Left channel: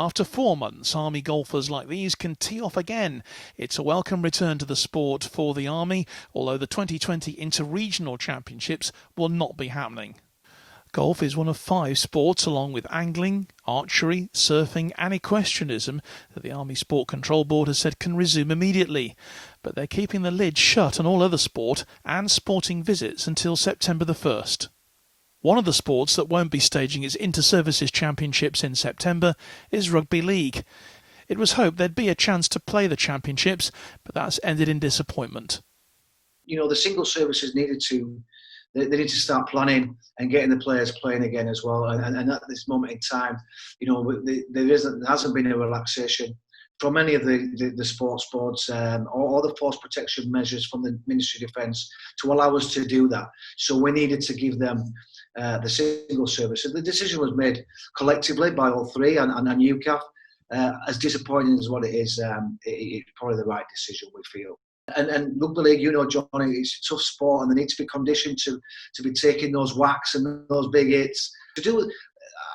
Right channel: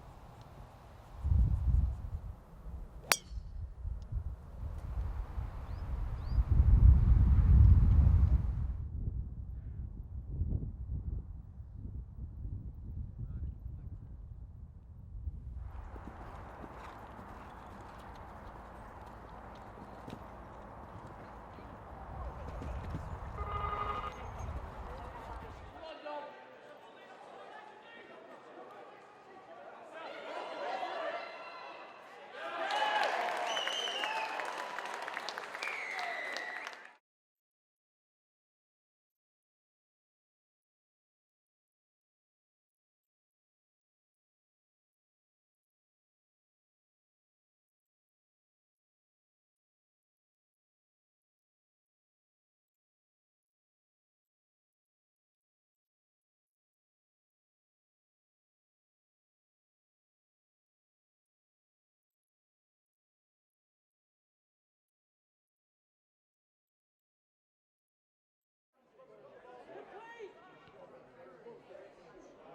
After 4 months, Army golfers like these can tee off again. It's a welcome return to the sport for the Army, although the 2020 Inter-Regional Championships will not be happening. Golf is one of 5 sports, along with angling, archery, surfing and equestrianism, that the Army Sport Control Board has said can resume immediately. But they're keeping the lid shut on all other sport and sporting visits until September the 1st. One of the sports that won't be staging its Inter-Services Championships in September is rugby league. It was hoped there'd be a chance to play the championships, but that's ended in disappointment. You know, the single services they need to start planning and getting the players playing again as well. And at this moment in time, you know, there hasn't been a relaxation from any of the sports boards or the force protection measures from the Ministry of Defence to allow us to do that. So we needed to give them the single service. And the decision was made collectively by all three and UCAF. As disappointing as what it is, it's probably the right decision, we feel. And rugby league, you know, Johnny, it's a tough sport, and they need to be conditioned to be taking those whacks and those big hits. To do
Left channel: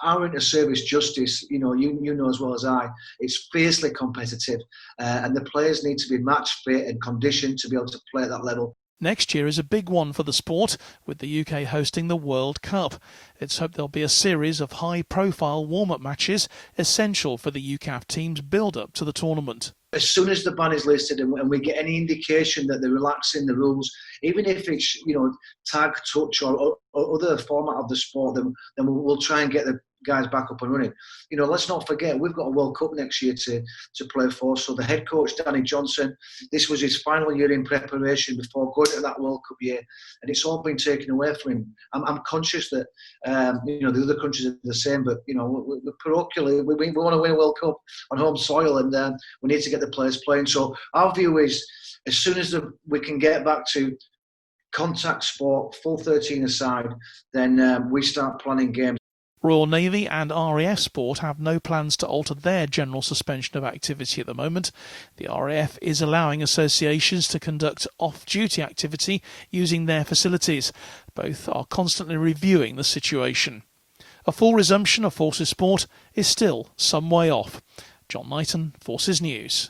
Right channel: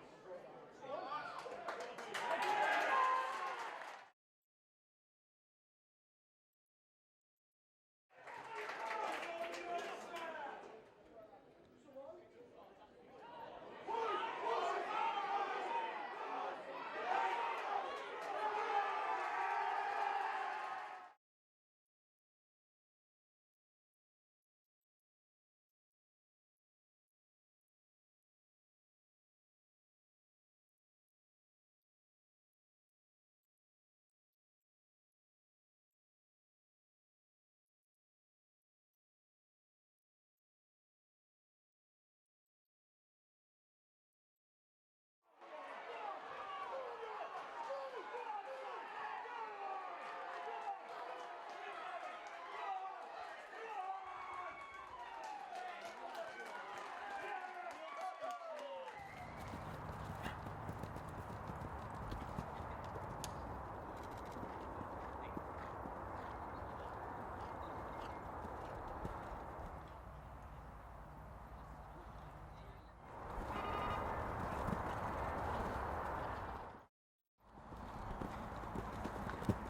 our inter-service justice, you know as well as I, it's fiercely competitive, and the players need to be match fit and conditioned to be able to play at that level. Next year is a big one for the sport, with the UK hosting the World Cup. It's hoped there'll be a series of high-profile warm-up matches essential for the UCAF team's build-up to the tournament. As soon as the ban is lifted and we get any indication that they're relaxing the rules, even if it's, you know, tag, touch or other format of the sport, then we'll try and get the guys back up and running. You know, let's not forget, we've got a World Cup next year to play for. So the head coach, Danny Johnson, this was his final year in preparation before going to that World Cup year, and it's all been taken away from him. I'm conscious that, you know, the other countries are the same, but, you know, we're parochially, we want to win a World Cup on home soil, and we need to get the players playing. So our view is, as soon as we can get back to contact sport, full 13 aside, then we start planning games. Royal Navy and RAF Sport have no plans to alter their general suspension of activity at the moment. The RAF is allowing associations to conduct off-duty activity using their facilities. Both are constantly reviewing the situation. A full resumption of Forces sport is still some way off. John Knighton, Forces News.